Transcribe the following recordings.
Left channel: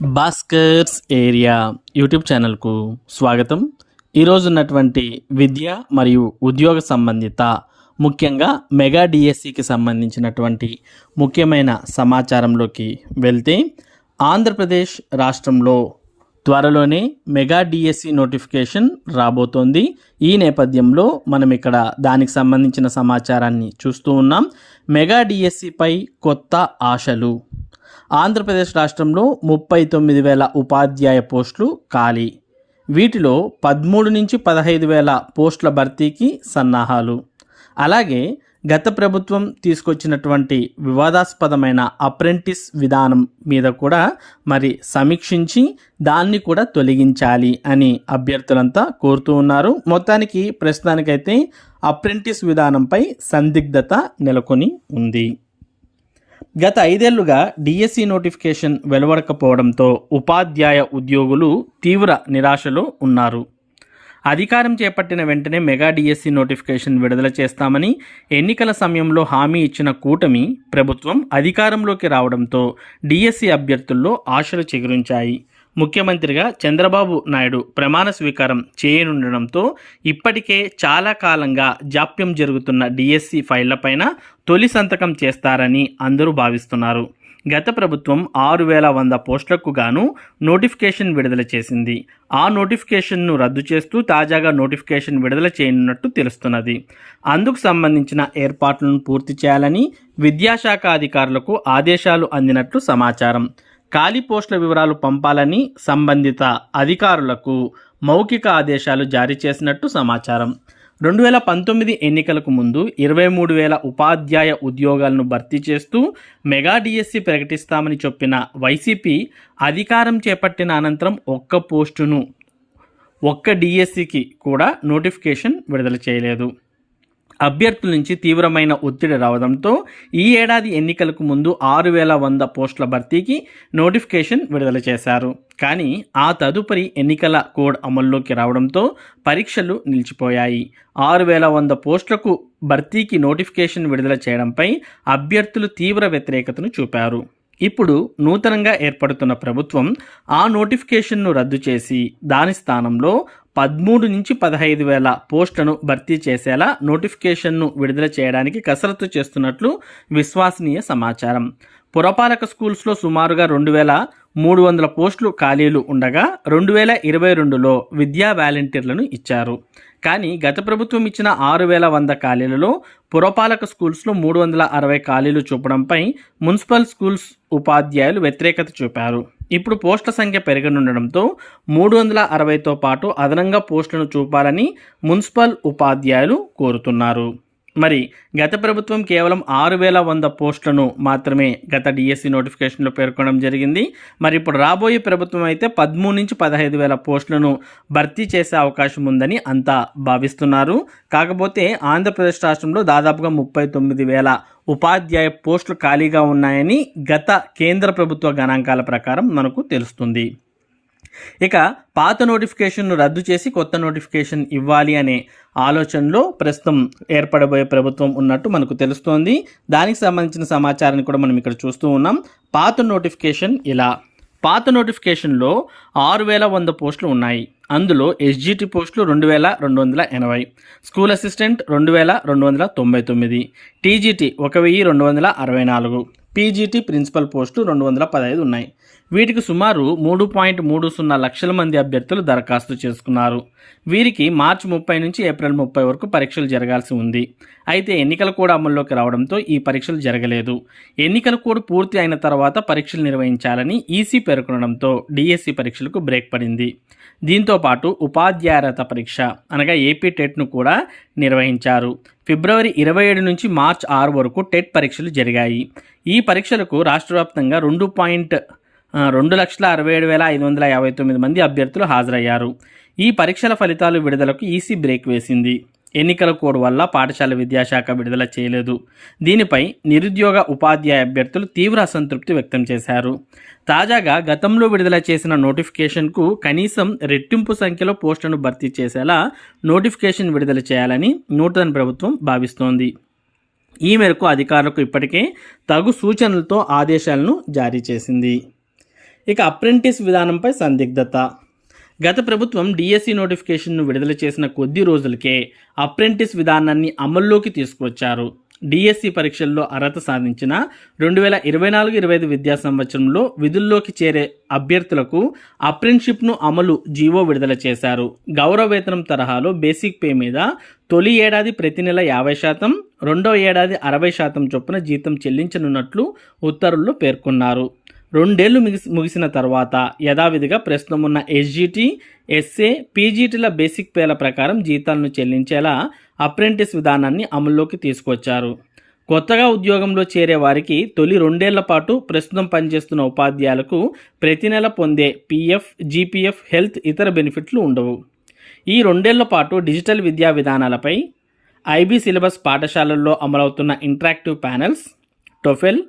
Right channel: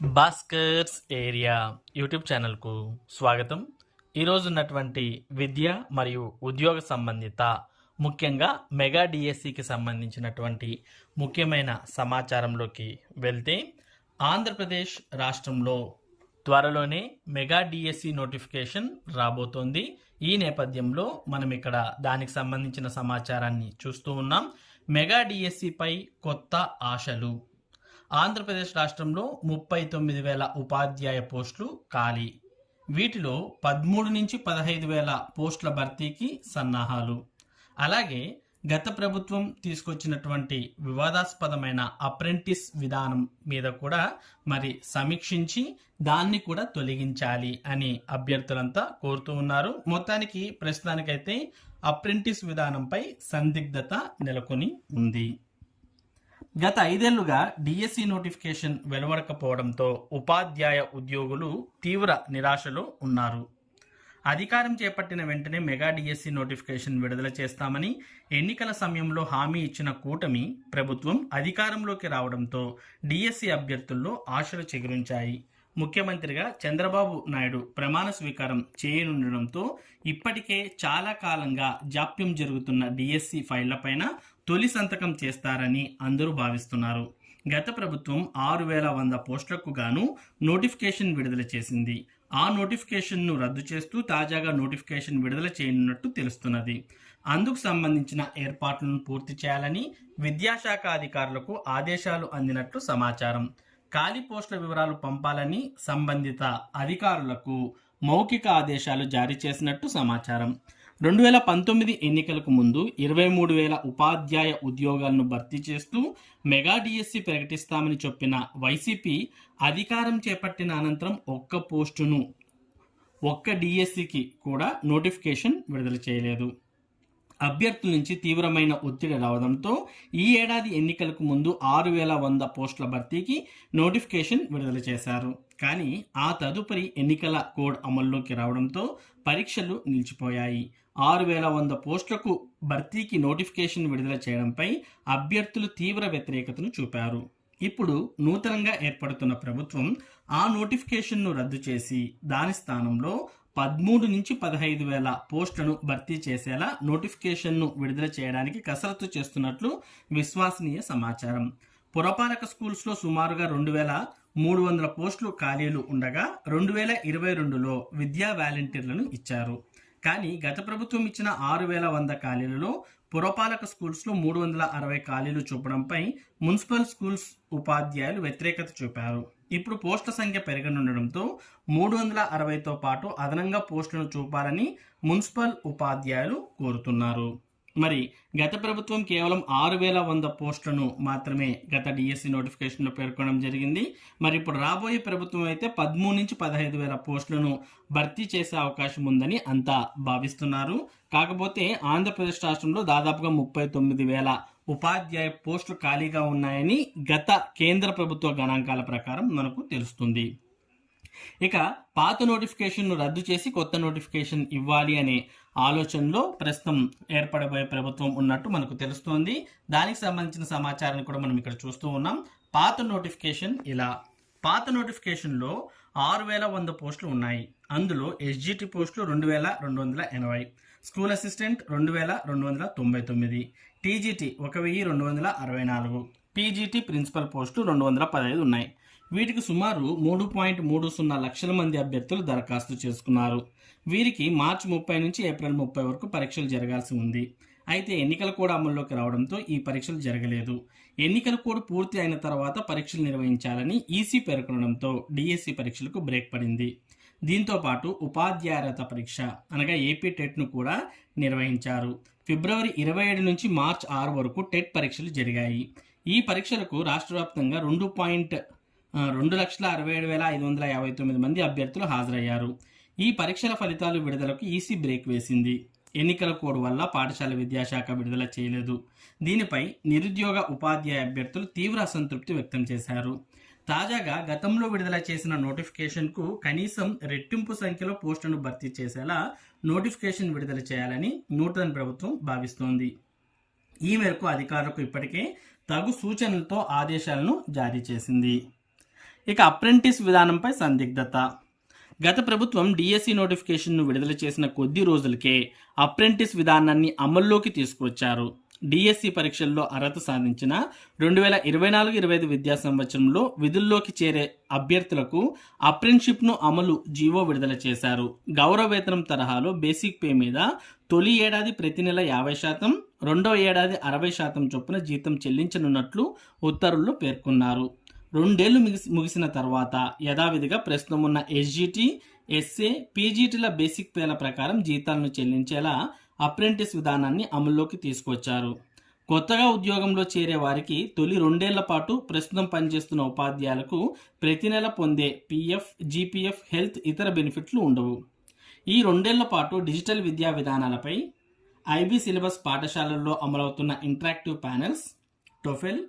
Bhaskar's area YouTube ఛానల్కు స్వాగతం. ఈరోజు ఉన్నటువంటి విద్య మరియు ఉద్యోగ సంబంధిత ముఖ్యంగా మెగా డిఎస్సికి సంబంధించినటువంటి ముఖ్యమైన సమాచారంలోకి వెళ్తే, ఆంధ్రప్రదేశ్ రాష్ట్రంలో త్వరలోనే మెగా డిఎస్సి నోటిఫికేషన్ రాబోతోంది. ఈ నేపథ్యంలో మనం ఇక్కడ దానికి సంబంధించిన సమాచారాన్ని చూస్తూ ఉన్నాం. మెగా డిఎస్సిపై కొత్త ఆశలు. ఆంధ్రప్రదేశ్ రాష్ట్రంలో 39,000 ఉపాధ్యాయ పోస్టులు ఖాళీ. వీటిలో 13 నుంచి 15,000 పోస్టుల భర్తీకి సన్నాహాలు. అలాగే గత ప్రభుత్వం తీసుకొచ్చినటువంటి వివాదాస్పదమైన అప్రెంటిస్ విధానం మీద కూడా సమీక్షించి దాన్ని కూడా తొలగించాలి అని అభ్యర్థులంతా కోరుతూ ఉన్నారు. మొత్తానికి ప్రస్తుతానికైతే అప్రెంటిస్ విధానంపై సందిగ్ధత నెలకొని ఉంది. గత 5 ఏళ్లుగా డిఎస్సి నోటిఫికేషన్ వెలువడకపోవడంతో ఉపాధ్యాయ ఉద్యోగులు తీవ్ర నిరాశలో ఉన్నారు. అధికారం చేపట్టిన వెంటనే మెగా డిఎస్సి నోటిఫికేషన్ విడుదల చేస్తామని ఎన్నికల సమయంలో హామీ ఇచ్చిన కూటమి ప్రభుత్వం అధికారంలోకి రావడంతో డిఎస్సి అభ్యర్థుల్లో ఆశలు చిగురించాయి. ముఖ్యమంత్రిగా చంద్రబాబు నాయుడు ప్రమాణ స్వీకారం చేయనుండడంతో ఇప్పటికే చాలా కాలంగా జాప్యం జరుగుతున్న డిఎస్సి ఫైళ్లపైన తొలి సంతకం చేస్తారని అందరూ భావిస్తున్నారు. గత ప్రభుత్వం 6,100 పోస్టులకు గాను నోటిఫికేషన్ విడుదల చేసింది. ఆ నోటిఫికేషన్ను రద్దు చేస్తూ తాజాగా నోటిఫికేషన్ విడుదల చేయనున్నట్టు తెలుస్తున్నది. అందుకు సంబంధించిన ఏర్పాట్లను పూర్తి చేయాలని విద్యాశాఖ అధికారులకు ఆదేశాలు అందినట్లు సమాచారం. ఖాళీ పోస్టుల వివరాలు పంపాలని సంబంధిత అధికారులకు మౌఖిక ఆదేశాలు జారీ చేసినట్టు సమాచారం. 2019 ఎన్నికలకు ముందు 23,000 ఉపాధ్యాయ ఉద్యోగాలను భర్తీ చేస్తూ మెగా డిఎస్సి ప్రకటిస్తామని చెప్పిన వైసీపీ అధికారం చేపట్టిన అనంతరం ఒక్క డిఎస్సికి కూడా నోటిఫికేషన్ విడుదల చేయలేదు. అభ్యర్థుల నుంచి తీవ్రమైన ఒత్తిడి రావడంతో ఈ ఏడాది ఎన్నికలకు ముందు 6,100 పోస్టుల భర్తీకి నోటిఫికేషన్ విడుదల చేశారు. కానీ ఆ తదుపరి ఎన్నికల కోడ్ అమల్లోకి రావడంతో పరీక్షలు నిలిచిపోయాయి. 6,100 పోస్టులకు భర్తీకి నోటిఫికేషన్ విడుదల చేయడంపై అభ్యర్థులు తీవ్ర వ్యతిరేకతను చూపారు. ఇప్పుడు నూతనంగా ఏర్పడుతున్న ప్రభుత్వం ఆ నోటిఫికేషన్ను రద్దు చేసి దాని స్థానంలో 13 నుంచి 15,000 పోస్టులను భర్తీ చేసేలా నోటిఫికేషన్ను విడుదల చేయడానికి కసరత్తు చేస్తున్నట్లు విశ్వసనీయ సమాచారం. పురపాలక స్కూల్స్లో సుమారుగా 2,300 పోస్టులు ఖాళీలు ఉండగా 2022లో విద్యా వాలంటీర్లను ఇచ్చారు. కానీ గత ప్రభుత్వం ఇచ్చిన 6,100 ఖాళీలలో పురపాలక స్కూల్స్లో 360 ఖాళీలు చూపడంపై మున్సిపల్ స్కూల్స్ ఉపాధ్యాయులు వ్యతిరేకత చూపారు. ఇప్పుడు పోస్టుల సంఖ్య పెరగనుండడంతో 360తో పాటు అదనంగా పోస్టులను చూపాలని మున్సిపల్ ఉపాధ్యాయులు కోరుతున్నారు. గత ప్రభుత్వం కేవలం 6,100 పోస్టులను మాత్రమే గత డిఎస్సి నోటిఫికేషన్లో పేర్కొనడం జరిగింది. ఇప్పుడు రాబోయే ప్రభుత్వం అయితే 13 నుంచి 15,000 పోస్టులను భర్తీ చేసే అవకాశం ఉందని అంతా భావిస్తున్నారు. కాకపోతే ఆంధ్రప్రదేశ్ రాష్ట్రంలో దాదాపుగా 39,000 ఉపాధ్యాయ పోస్టులు ఖాళీగా ఉన్నాయని గత కేంద్ర ప్రభుత్వ గణాంకాల ప్రకారం మనకు తెలుస్తుంది. ఇక పాత నోటిఫికేషన్ను రద్దు చేసి కొత్త నోటిఫికేషన్ ఇవ్వాలి అనే ఆలోచనలో ప్రస్తుతం ఏర్పడబోయే ప్రభుత్వం ఉన్నట్టు మనకు తెలుస్తోంది. దానికి సంబంధించిన సమాచారాన్ని కూడా మనం ఇక్కడ చూస్తూ ఉన్నాం. పాత నోటిఫికేషన్లో 6,100 పోస్టులు ఉన్నాయి. అందులో ఎస్జిటి పోస్టులు 2,280, school assistant 2,299, TGT 1,264, PGT principal పోస్టులు 215 ఉన్నాయి. వీటికి సుమారు 3.30 లక్షల మంది అభ్యర్థులు దరఖాస్తు చేసుకున్నారు. వీరికి మార్చి 30 నుంచి ఏప్రిల్ 30 వరకు పరీక్షలు జరగాల్సి ఉంది. అయితే ఎన్నికల కోడ్ అమల్లోకి రావడంతో ఈ పరీక్షలు జరగలేదు. ఎన్నికల కోడ్ పూర్తి అయిన తర్వాత పరీక్షలు నిర్వహించాలని ఈసీ పేర్కొనడంతో డిఎస్సి పరీక్షలకు బ్రేక్ పడింది. దీంతో పాటు ఉపాధ్యాయత పరీక్ష అనగా ఏపీ టెట్ను కూడా నిర్వహించారు. ఫిబ్రవరి 27 నుంచి మార్చి 6 వరకు టెట్ పరీక్షలు జరిగాయి. ఈ పరీక్షలకు రాష్ట్ర వ్యాప్తంగా 2,67,559 మంది అభ్యర్థులు హాజరయ్యారు. ఈ పరీక్షల ఫలితాలు విడుదలకు ఈసీ బ్రేక్ వేసింది. ఎన్నికల కోడ్ వల్ల పాఠశాల విద్యాశాఖ విడుదల చేయలేదు. దీనిపై నిరుద్యోగ ఉపాధ్యాయ అభ్యర్థులు తీవ్ర అసంతృప్తి వ్యక్తం చేశారు. తాజాగా గతంలో విడుదల చేసిన నోటిఫికేషన్కు కనీసం రెట్టింపు సంఖ్యలో పోస్టులను భర్తీ చేసేలా నోటిఫికేషన్ విడుదల చేయాలని నూతన ప్రభుత్వం భావిస్తోంది. ఈ మేరకు అధికారులకు ఇప్పటికే తగు సూచనలతో ఆదేశాలను జారీ చేసింది. ఇక అప్రెంటిస్ విధానంపై సందిగ్ధత. గత ప్రభుత్వం డిఎస్సి నోటిఫికేషన్ను విడుదల చేసిన కొద్ది రోజులకే అప్రెంటిస్ విధానాన్ని అమల్లోకి తీసుకువచ్చారు. డిఎస్సి పరీక్షల్లో అర్హత సాధించిన 2024-25 విద్యా సంవత్సరంలో విధుల్లోకి చేరే అభ్యర్థులకు అప్రెంటిస్షిప్ను అమలు జీవో విడుదల చేశారు. గౌరవ వేతనం తరహాలో బేసిక్ పే మీద తొలి ఏడాది ప్రతి నెల 50%, రెండో ఏడాది 60% చొప్పున జీతం చెల్లించనున్నట్లు ఉత్తర్వుల్లో పేర్కొన్నారు. 2 ఏళ్లు ముగిసిన తర్వాత యథావిధిగా ప్రస్తుతం ఉన్న ఎస్జిటి, ఎస్ఏ, పీజీటీల బేసిక్ పేల ప్రకారం జీతాలను చెల్లించేలా అప్రెంటిస్ విధానాన్ని అమల్లోకి తీసుకొచ్చారు. కొత్తగా ఉద్యోగంలో చేరే వారికి తొలి 2 ఏళ్ల పాటు ప్రస్తుతం పనిచేస్తున్న ఉపాధ్యాయులకు ప్రతి నెల పొందే పీఎఫ్, జీపీఎఫ్, హెల్త్ ఇతర బెనిఫిట్లు ఉండవు. ఈ 2 ఏళ్ల పాటు డిజిటల్ విద్యా విధానాలపై ఐబీ సిలబస్ పాఠశాలల్లో అమలవుతున్న ఇంటరాక్టివ్ ప్యానెల్స్, టోఫెల్,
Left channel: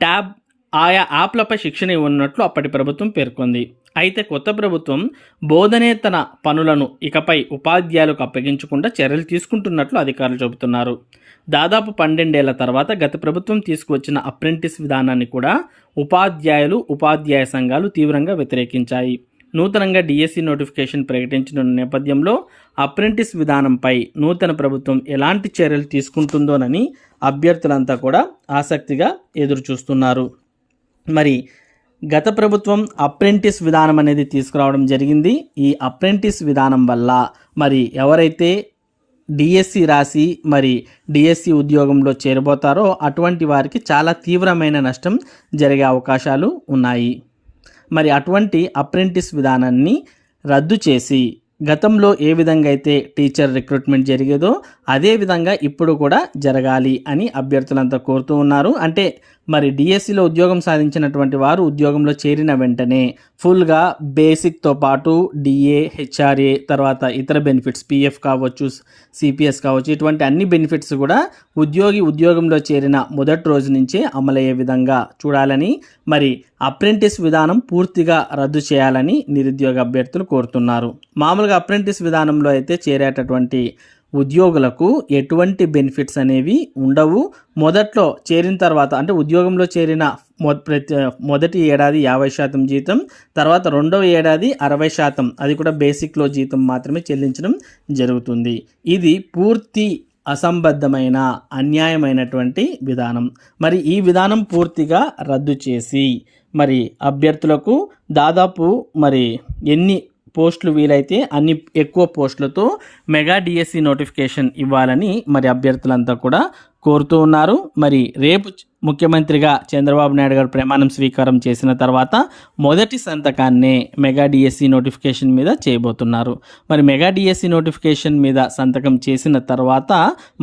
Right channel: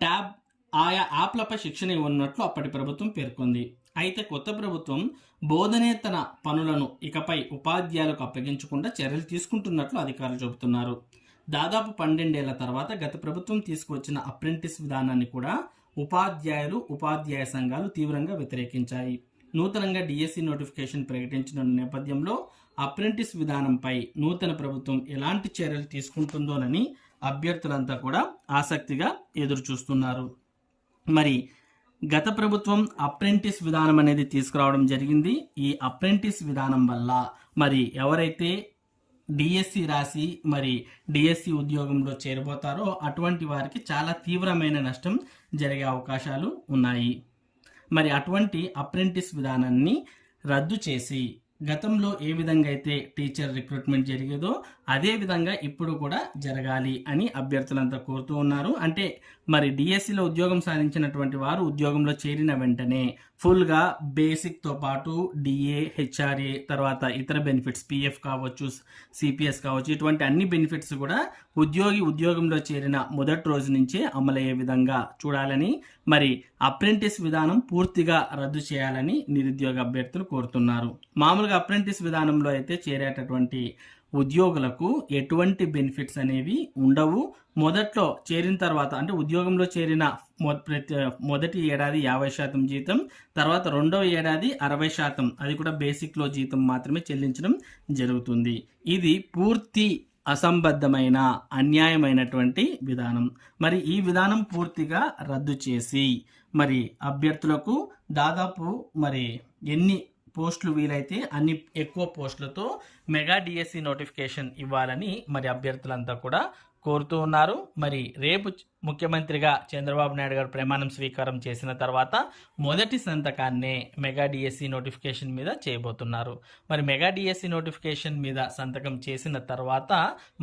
ట్యాబ్ ఆయా యాప్లపై శిక్షణ ఇవ్వనున్నట్లు అప్పటి ప్రభుత్వం పేర్కొంది. అయితే కొత్త ప్రభుత్వం బోధనేతర పనులను ఇకపై ఉపాధ్యాయులకు అప్పగించకుండా చర్యలు తీసుకుంటున్నట్లు అధికారులు చెబుతున్నారు. దాదాపు 12 ఏళ్ల తర్వాత గత ప్రభుత్వం తీసుకువచ్చిన అప్రెంటిస్ విధానాన్ని కూడా ఉపాధ్యాయులు, ఉపాధ్యాయ సంఘాలు తీవ్రంగా వ్యతిరేకించాయి. నూతనంగా డిఎస్సి నోటిఫికేషన్ ప్రకటించిన నేపథ్యంలో అప్రెంటిస్ విధానంపై నూతన ప్రభుత్వం ఎలాంటి చర్యలు తీసుకుంటుందోనని అభ్యర్థులంతా కూడా ఆసక్తిగా ఎదురు చూస్తున్నారు. మరి గత ప్రభుత్వం అప్రెంటిస్ విధానం అనేది తీసుకురావడం జరిగింది. ఈ అప్రెంటిస్ విధానం వల్ల మరి ఎవరైతే డిఎస్సి రాసి మరి డిఎస్సి ఉద్యోగంలో చేరబోతారో అటువంటి వారికి చాలా తీవ్రమైన నష్టం జరిగే అవకాశాలు ఉన్నాయి. మరి అటువంటి అప్రెంటిస్ విధానాన్ని రద్దు చేసి గతంలో ఏ విధంగా అయితే టీచర్ రిక్రూట్మెంట్ జరిగేదో అదే విధంగా ఇప్పుడు కూడా జరగాలి అని అభ్యర్థులంతా కోరుతూ ఉన్నారు. అంటే మరి డిఎస్సిలో ఉద్యోగం సాధించినటువంటి వారు ఉద్యోగంలో చేరిన వెంటనే ఫుల్గా బేసిక్తో పాటు డిఏ, హెచ్ఆర్ఏ, తర్వాత ఇతర బెనిఫిట్స్ పిఎఫ్ కావచ్చు, సిపిఎస్ కావచ్చు, ఇటువంటి అన్ని బెనిఫిట్స్ కూడా ఉద్యోగంలో చేరిన మొదటి రోజు నుంచే అమలయ్యే విధంగా చూడాలని, మరి అప్రెంటిస్ విధానం పూర్తిగా రద్దు చేయాలని నిరుద్యోగ అభ్యర్థులు కోరుతున్నారు. మామూలుగా అప్రెంటిస్ విధానంలో అయితే చేరేటటువంటి ఉద్యోగులకు ఎటువంటి బెనిఫిట్స్ అనేవి ఉండవు. మొదట్లో చేరిన తర్వాత అంటే ఉద్యోగంలో చేరిన మొదటి ఏడాది 50% జీతం, తర్వాత రెండవ ఏడాది 60%, అది కూడా బేసిక్లో జీతం మాత్రమే చెల్లించడం జరుగుతుంది. ఇది పూర్తి అసంబద్ధమైన, అన్యాయమైనటువంటి విధానం. మరి ఈ విధానం పూర్తిగా రద్దు చేసి మరి అభ్యర్థులకు దాదాపు మరి ఎన్ని పోస్టులు వీలైతే అన్ని ఎక్కువ పోస్టులతో మెగా డిఎస్సి నోటిఫికేషన్ ఇవ్వాలని మరి అభ్యర్థులంతా కూడా కోరుతూ ఉన్నారు. మరి రేపు ముఖ్యమంత్రిగా చంద్రబాబు నాయుడు గారు ప్రమాణం స్వీకారం చేసిన తర్వాత మొదటి సంతకాన్నే మెగా డిఎస్సి నోటిఫికేషన్ మీద చేయబోతున్నారు. మరి మెగా డిఎస్సి నోటిఫికేషన్ మీద సంతకం చేసిన తర్వాత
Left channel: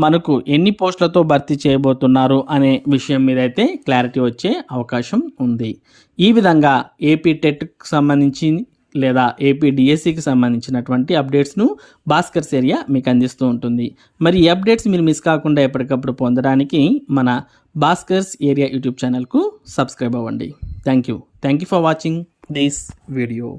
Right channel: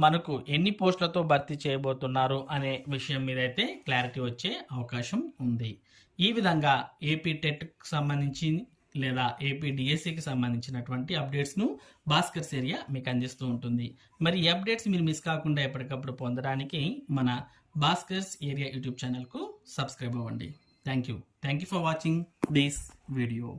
మనకు ఎన్ని పోస్టులతో భర్తీ చేయబోతున్నారు అనే విషయం మీద అయితే క్లారిటీ వచ్చే అవకాశం ఉంది. ఈ విధంగా ఏపీ టెట్కి సంబంధించి లేదా ఏపీ డిఎస్సికి సంబంధించినటువంటి అప్డేట్స్ను భాస్కర్స్ ఏరియా మీకు అందిస్తూ ఉంటుంది. మరి ఈ అప్డేట్స్ మీరు మిస్ కాకుండా ఎప్పటికప్పుడు పొందడానికి మన భాస్కర్స్ ఏరియా యూట్యూబ్ ఛానల్కు సబ్స్క్రైబ్ అవ్వండి. Thank you for watching this video.